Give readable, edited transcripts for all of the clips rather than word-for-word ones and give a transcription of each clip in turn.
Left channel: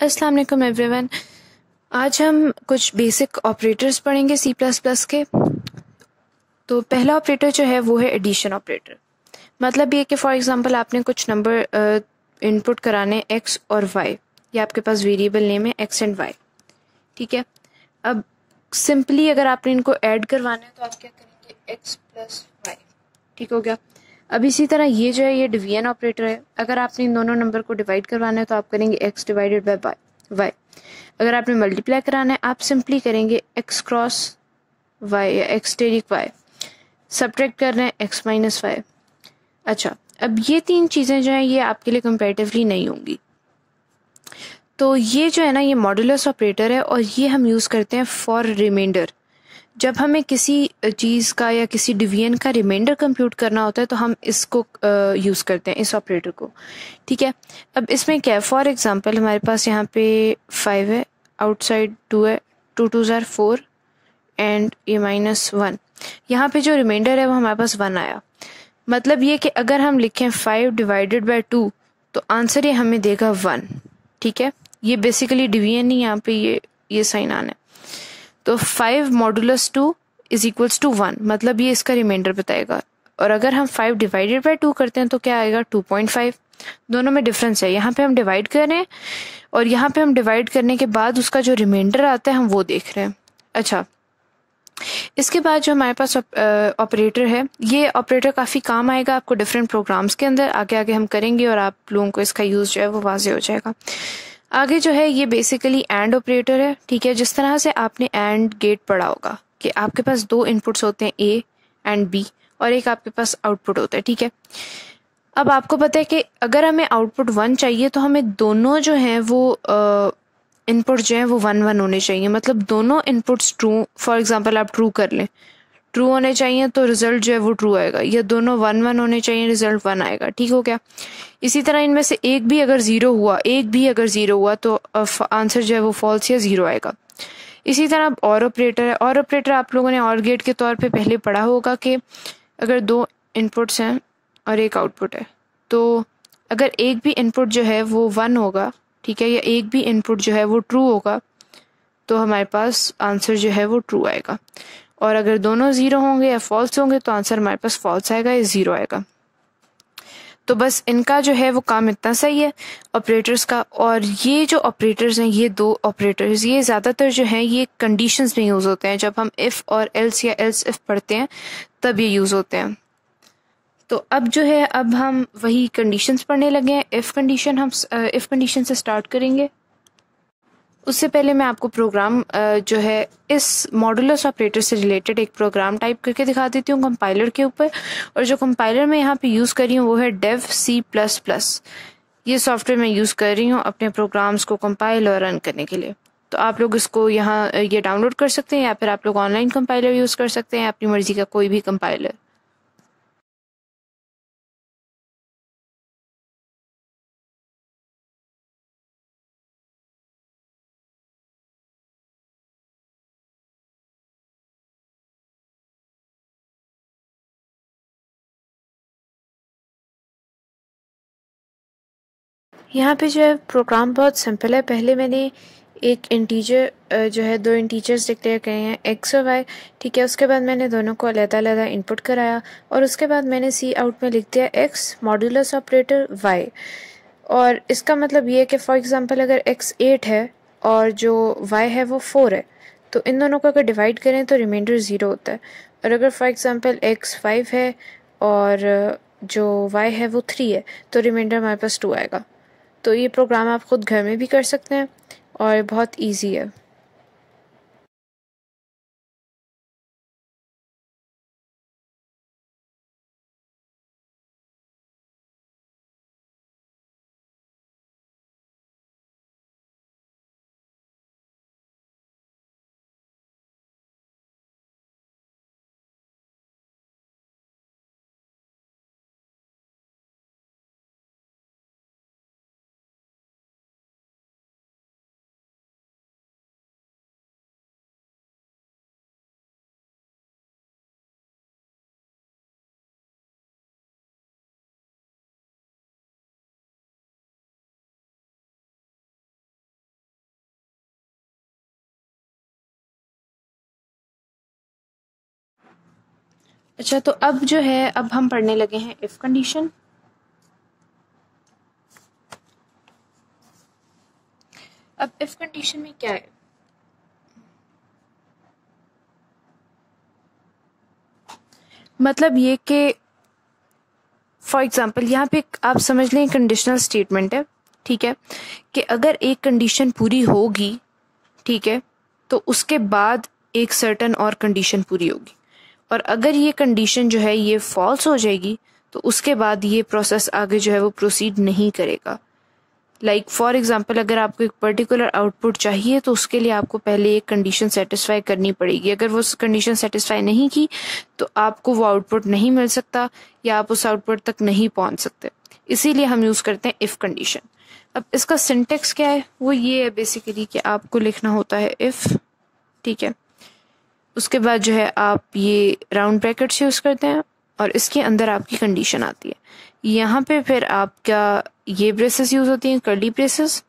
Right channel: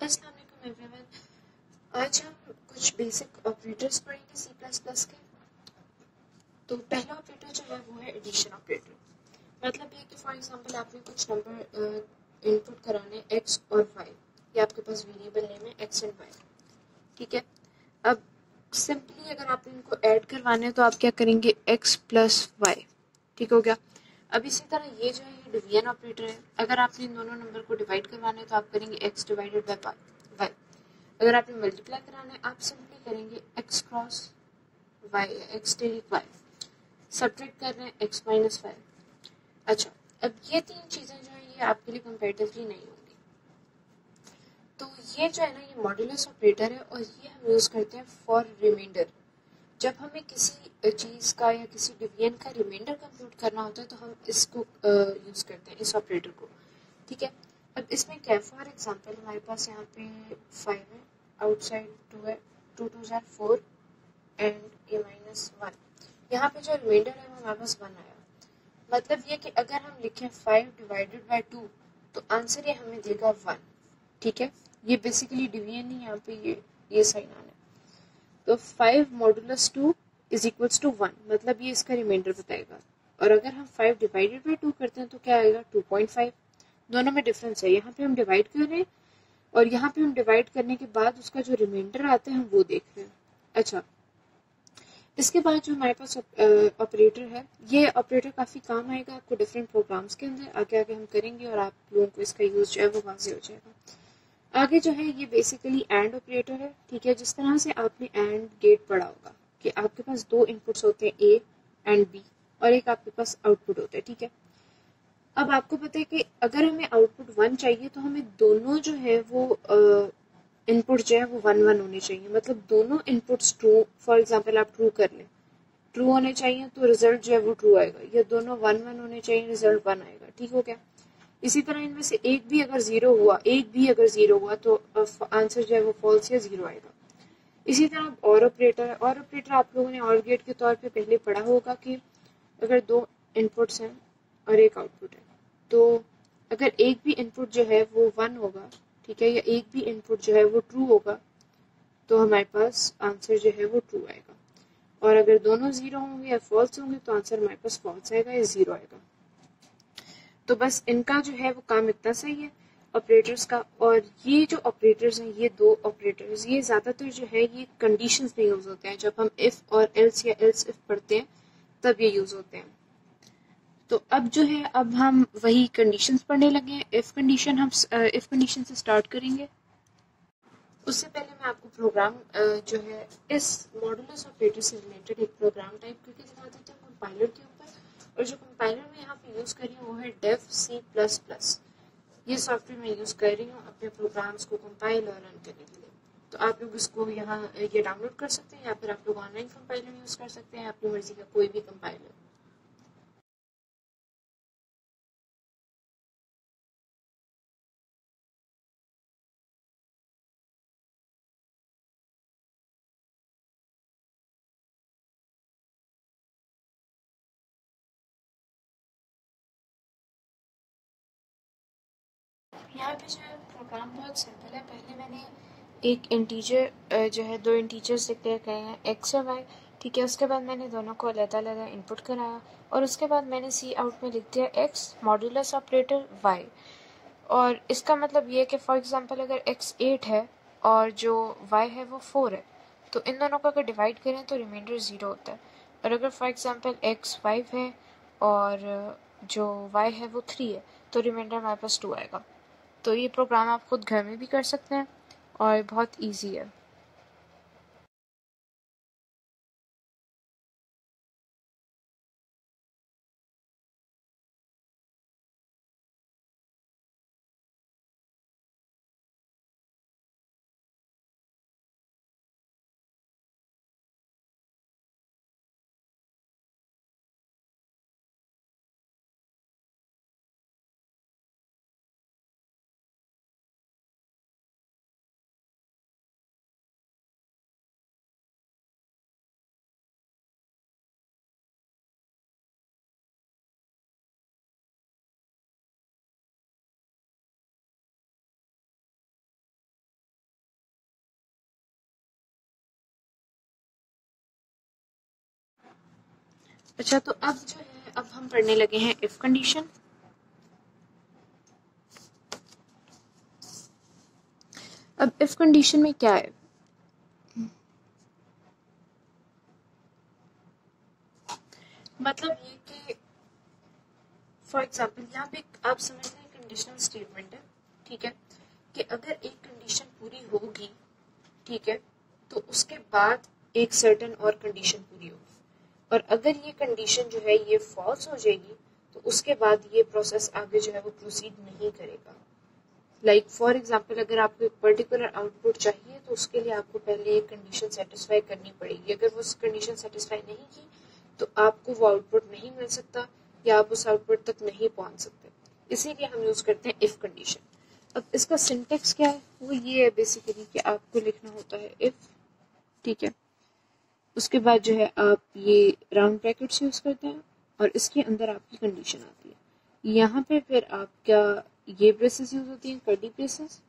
अस्सलाम वालेकुम एवरीवन। आज हम कुछ बेसिक ऑपरेटर्स पढ़ेंगे सी प्लस प्लस के। तो पहला ऑपरेटर जो है वो है एडिशन ऑपरेटर। मतलब ये कि फॉर एग्जांपल आपने कुछ नंबर इनपुट कराने एक्स और वाई, या आपके पास वेरिएबल नेम है एक्स एंड वाई। ठीक है। अब सिंपली अगर आपने इनको ऐड करवाने हैं तो आप क्या करेंगे, एक्स प्लस वाई। ठीक हो गया। अब इसी तरह ये जो है ये डिवीजन ऑपरेटर है। अगर आपने इन दोनों नंबर को डिवाइड करवाना है तो आप करेंगे एक्स डिवाइडेड बाय वाई। अगर आपने मल्टीप्लाई कराना है आप सिंपली करेंगे एक्स क्रॉस वाई या एक्स टेरिक वाई। सब्ट्रैक्ट कर रहे हैं एक्स माइनस वाई। अच्छा, अब ये तीन चीज़ें जो हैं ये आपके लिए कंपैरेटिवली नहीं होंगी। तो ये जो है ना ये मॉडुलस ऑपरेटर है और ये हम यूज़ करते हैं फॉर रिमाइंडर। जब हमें किसी चीज़ का या किसी डिवीजन का रिमाइंडर कंप्यूट करना होता है तो हम इसको यूज़ करते हैं, इस ऑपरेटर को। ठीक है। अब इसमें क्या है, फॉर एग्जांपल हमारे पास यहाँ पे 5 है, आउटसाइड 2 है, 2 2 ज़ार 4 एंड ये -1। यहाँ पे जो रिमाइंडर है वो हमारे पास 1 आया। मतलब ये कि अगर हम लिखें 5 डिवाइडेड बाय 2 तो आंसर ये हमें देगा 1। ठीक है। ये बेसिकली डिवीजन नहीं, यहाँ पे ये साइन आना है। तो 5 मॉडुलस 2 इज इक्वल्स टू 1, मतलब ये इसका रिमाइंडर बताएगा। और अगर हम 5 डिवाइडेड बाय 2 करते हैं तो क्या आएगा, 2.5। दोनों में डिफरेंस है, यहाँ पे हम डिवाइड कर रहे हैं और यहाँ पे हम डिवाइड करने के बाद उसका जो रिमाइंडर आता है हम वो देख रहे हैं। अच्छा, इसके बाद जो हमारे पास ऑपरेटर है, ये ऑपरेटर काफ़ी काम आएगा आपको डिफरेंट प्रोग्राम्स के अंदर। आगे आगे हम करेंगे और आप लोगों को इसका यूज़ जो है वो वाजे हो जाएगा। आगे जो है ये बेसिकली एंड ऑपरेटर है। ठीक है। जिस तरह से आपने एंड गेट पढ़ा होगा कि आपके पास दो इनपुट्स होते हैं ए एंड बी और एक आपके पास आउटपुट होता है। ठीक है। अब आपको पता है कि अगर हमें आउटपुट 1 चाहिए तो हमें दोनों जो हैं वो इनपुट जो है वो 1 1 होने चाहिए। मतलब दोनों इनपुट्स ट्रू, फॉर एग्जांपल आप ट्रू कर लें, ट्रू होने चाहिए तो रिजल्ट जो है वो ट्रू आएगा। ये दोनों 1 1 होने चाहिए, रिजल्ट 1 आएगा। ठीक हो गया। इसी तरह इनमें से एक भी अगर ज़ीरो हुआ तो आंसर जो है वो फॉल्स या ज़ीरो आएगा। इसी तरह अब और ऑपरेटर है। और ऑपरेटर आप लोगों ने और गेट के तौर पे पहले पढ़ा होगा कि अगर दो इनपुट्स हैं और एक आउटपुट है तो अगर एक भी इनपुट जो है वो 1 होगा, ठीक है, या एक भी इनपुट जो है वो ट्रू होगा तो हमारे पास आंसर जो है वो ट्रू आएगा। और अगर दोनों ज़ीरो होंगे या फॉल्स होंगे तो आंसर हमारे पास फॉल्स आएगा या ज़ीरो आएगा। तो बस इनका जो है वो काम इतना सही है ऑपरेटर्स का। और ये जो ऑपरेटर्स हैं, ये दो ऑपरेटर्स, ये ज़्यादातर जो है ये कंडीशंस में यूज़ होते हैं। जब हम इफ़ और एल्स या एल्स इफ़ पढ़ते हैं तब ये यूज़ होते हैं। तो अब जो है अब हम वही कंडीशंस पढ़ने लगे हैं। इफ़ कंडीशन हम इफ़ कंडीशन से स्टार्ट करेंगे। उससे पहले मैं आपको प्रोग्राम जो है इस मॉडुलस ऑपरेटर से रिलेटेड एक प्रोग्राम टाइप करके दिखा देती हूँ कंपाइलर के ऊपर। और जो कंपाइलर मैं यहाँ पे यूज़ कर रही हूँ वो है डेव सी प्लस प्लस। ये सॉफ्टवेयर मैं यूज़ कर रही हूँ अपने प्रोग्राम्स को कंपाइल और रन करने के लिए। तो आप लोग इसको यहाँ ये डाउनलोड कर सकते हैं या फिर आप लोग ऑनलाइन कंपाइलर यूज़ कर सकते हैं, अपनी मर्ज़ी का कोई भी कंपाइलर। यहाँ पे जो है प्रोग्राम बहुत सिंपल है। पहले मैंने एक इंटीजर जो है दो इंटीजर्स डिक्लेयर किए हैं एक्स और वाई। ठीक है। उसके बाद मैंने दोनों को अलग-अलग इनपुट कराया और उसके बाद मैंने सी आउट में लिख दिया एक्स मॉड्यूलस ऑपरेटर वाई। और इसका मतलब ये है कि फॉर एग्जांपल अगर एक्स 8 है और जो वाई है वो 4 है तो इन दोनों को अगर डिवाइड करें तो रिमाइंडर 0 होता है। और अगर फॉर एग्जांपल एक्स 5 है और जो वाई है वो 3 है तो रिमाइंडर हमारे पास 2 आएगा। तो ये प्रोग्राम आप खुद घर में भी कर सकते हैं और बहुत इजी है। अच्छा, तो अब जो है अब हम पढ़ने लगे हैं इफ कंडीशन। अब इफ कंडीशन में क्या है, मतलब ये कि फॉर एग्जांपल यहाँ पे आप समझ लें कंडीशनल स्टेटमेंट है, ठीक है, कि अगर एक कंडीशन पूरी होगी, ठीक है, तो उसके बाद एक सर्टन और कंडीशन पूरी होगी, और अगर ये कंडीशन जो है ये फॉल्स हो जाएगी तो उसके बाद ये प्रोसेस आगे जो है वो प्रोसीड नहीं करेगा। लाइक फॉर एग्जांपल अगर आपको एक पर्टिकुलर आउटपुट चाहिए तो उसके लिए आपको पहले एक कंडीशन सेटिस्फाई करनी पड़ेगी। अगर वो कंडीशन सेटिस्फाई नहीं की तो आपको वो आउटपुट नहीं मिल सकता या आप उस आउटपुट तक नहीं पहुंच सकते। इसीलिए हम यूज़ करते हैं इफ़ कंडीशन। अब इसका सिंटेक्स क्या है, वो ये है बेसिकली कि आपको लिखना होता है इफ़, ठीक है, उसके बाद जो है आप ये राउंड ब्रैकेट्स यूज़ करते हैं और इसके अंदर आपकी कंडीशन आती है। यहाँ पे फिर आपका ये ब्रेसेस यूज़ होती हैं, कर्ली ब्रेसेस,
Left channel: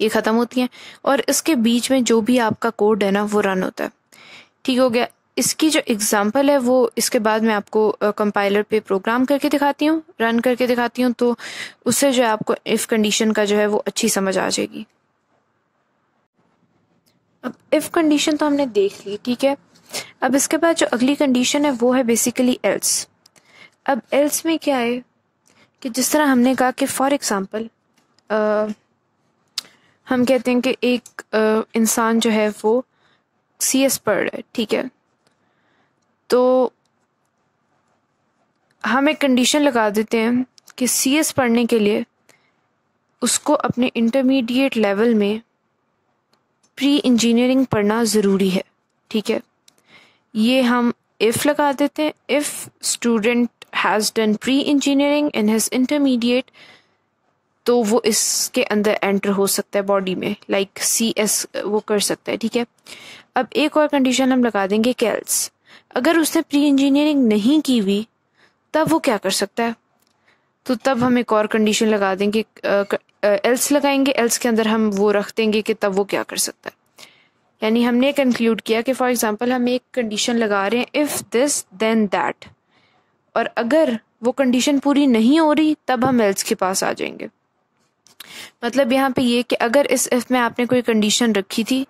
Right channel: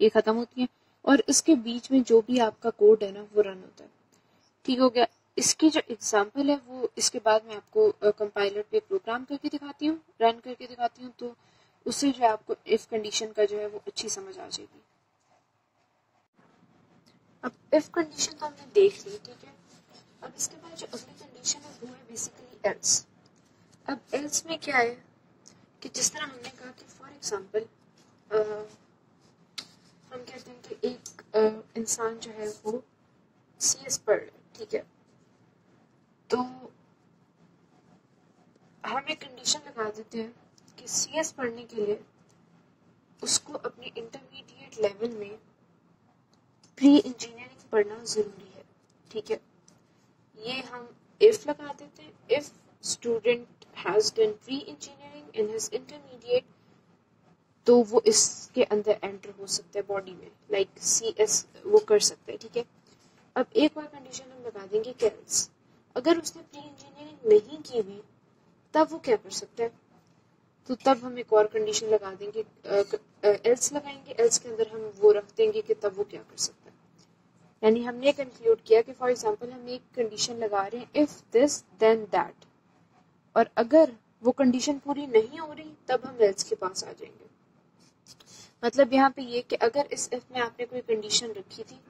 ये ख़त्म होती हैं, और इसके बीच में जो भी आपका कोड है ना वो रन होता है। ठीक हो गया। इसकी जो एग्जांपल है वो इसके बाद मैं आपको कंपाइलर पे प्रोग्राम करके दिखाती हूँ, रन करके दिखाती हूँ, तो उससे जो है आपको इफ़ कंडीशन का जो है वो अच्छी समझ आ जाएगी। अब इफ़ कंडीशन तो हमने देख ली, ठीक है। अब इसके बाद जो अगली कंडीशन है वो है बेसिकली एल्स। अब एल्स में क्या है कि जिस तरह हमने कहा कि फॉर एग्जांपल हम कहते हैं कि एक इंसान जो है वो CS पढ़ रहा है, ठीक है, तो हम एक कंडीशन लगा देते हैं कि CS पढ़ने के लिए उसको अपने इंटरमीडिएट लेवल में प्री इंजीनियरिंग पढ़ना ज़रूरी है, ठीक है। ये हम इफ़ लगा देते हैं, if student has done pre engineering in his intermediate, तो वो इसके अंदर एंटर हो सकता है बॉडी में, लाइक CS वो कर सकता है, ठीक है। अब एक और कंडीशन हम लगा देंगे कि एल्स, अगर उसने प्री इंजीनियरिंग नहीं की हुई तब वो क्या कर सकता है, तो तब हम एक और कंडीशन लगा देंगे, एल्स लगाएंगे, एल्स के अंदर हम वो रख देंगे कि तब वो क्या कर सकता है। यानी हमने कंक्लूड किया कि फॉर एग्जांपल हम एक कंडीशन लगा रहे हैं इफ़ दिस देन दैट, और अगर वो कंडीशन पूरी नहीं हो रही तब हम एल्स के पास आ जाएंगे। मतलब यहाँ पे ये कि अगर इस इफ़ में आपने कोई कंडीशन रखी थी,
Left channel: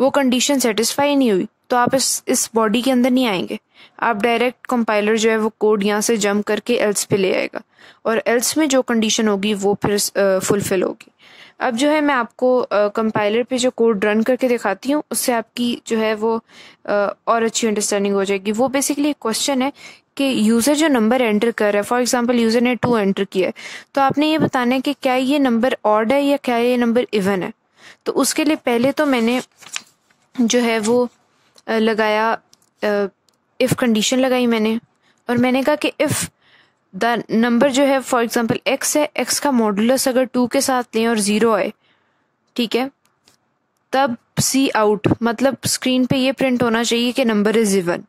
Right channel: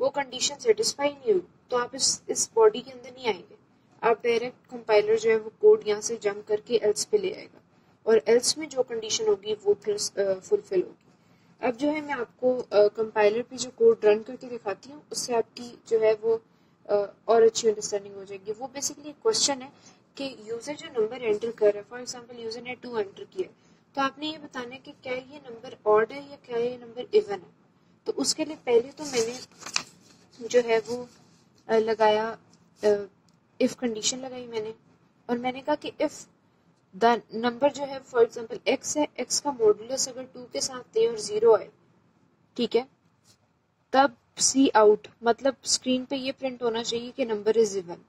वो कंडीशन सेटिस्फाई नहीं हुई, तो आप इस बॉडी के अंदर नहीं आएंगे, आप डायरेक्ट कंपाइलर जो है वो कोड यहाँ से जंप करके एल्स पे ले आएगा, और एल्स में जो कंडीशन होगी वो फिर फुलफिल होगी। अब जो है मैं आपको कंपाइलर पे जो कोड रन करके दिखाती हूँ, उससे आपकी जो है वो और अच्छी अंडरस्टैंडिंग हो जाएगी। वो बेसिकली एक क्वेश्चन है कि यूज़र जो नंबर एंटर कर रहा है, फॉर एग्जांपल यूज़र ने 2 एंटर किया है, तो आपने ये बताना है कि क्या ये नंबर ऑड है या क्या ये नंबर इवन है। तो उसके लिए पहले तो मैंने जो है वो लगाया इफ़ कंडीशन लगाई मैंने, और मैंने कहा कि इफ़ द नंबर जो है फॉर एग्जांपल x है, x का मॉडुलस अगर 2 के साथ लें और 0 आए, ठीक है, तब सी आउट, मतलब स्क्रीन पे ये प्रिंट होना चाहिए कि नंबर इज इवन।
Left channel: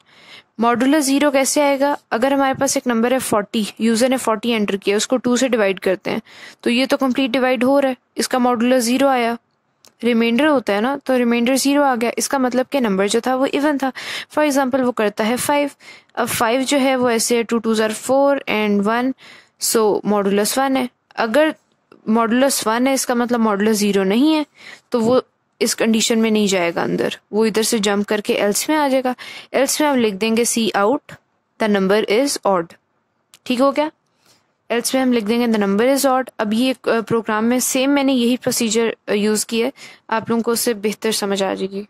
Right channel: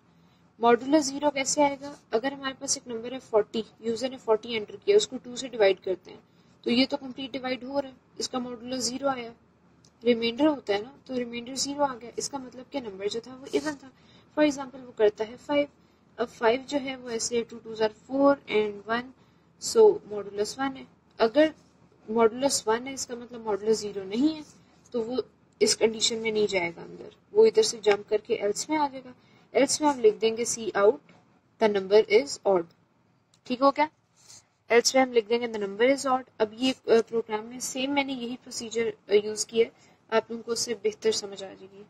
मॉडुलस 0 कैसे आएगा, अगर हमारे पास एक नंबर है 40, यूजर ने 40 एंटर किया, उसको 2 से डिवाइड करते हैं, तो ये तो कंप्लीट डिवाइड हो रहा है, इसका मॉडुलस 0 आया, रिमाइंडर होता है ना, तो रिमाइंडर 0 आ गया, इसका मतलब कि नंबर जो था वो इवन था। फॉर एग्जांपल वो करता है 5, अब 5 जो है वो ऐसे 2 2 ज़ार 4 एंड 1, सो मॉडुलस 1 है। अगर मॉडुलस 1 है इसका मतलब मॉडुलस 0 नहीं है, तो वो इस कंडीशन में नहीं जाएगा अंदर, वो इधर से जंप करके एल्स में आ जाएगा। एल्स में आप लिख देंगे see out the number is odd, ठीक हो गया। एल्स में हम लिख देंगे द नंबर इज ऑड। अब ये प्रोग्राम में सेम मैंने यही प्रोसीजर यूज़ किया है, आप लोगों को उससे बेहतर समझ आ जाएगी।